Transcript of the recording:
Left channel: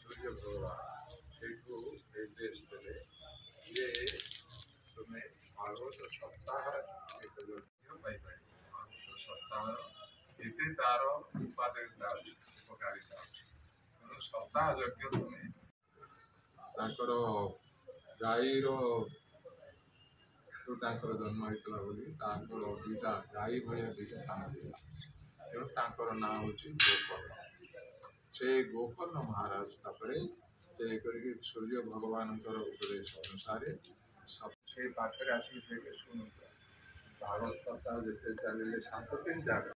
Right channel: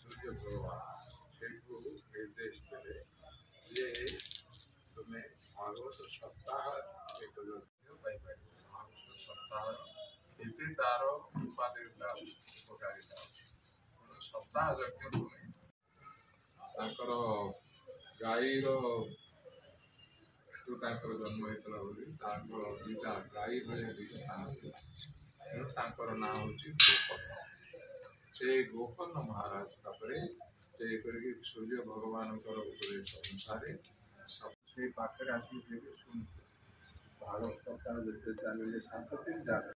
सूर्य भगवान से निर्देश देले ये तुम्हें भागवत सप्ताह एक भागवत सप्ताह एते तार उपादेयता उपकारिता सप्ताह यज्ञ तुम्हें गाईर जन्म होता बोली दुईटा गाई भाया दुईटा स्थान तेणु ना हूँ गोपन्न से गोपन्न महाराज सूर्य भगवान उपदेश अनुसार से पाखे आसिक शुणु भागवत सप्ताह जिते चलिए 7 दिन जाक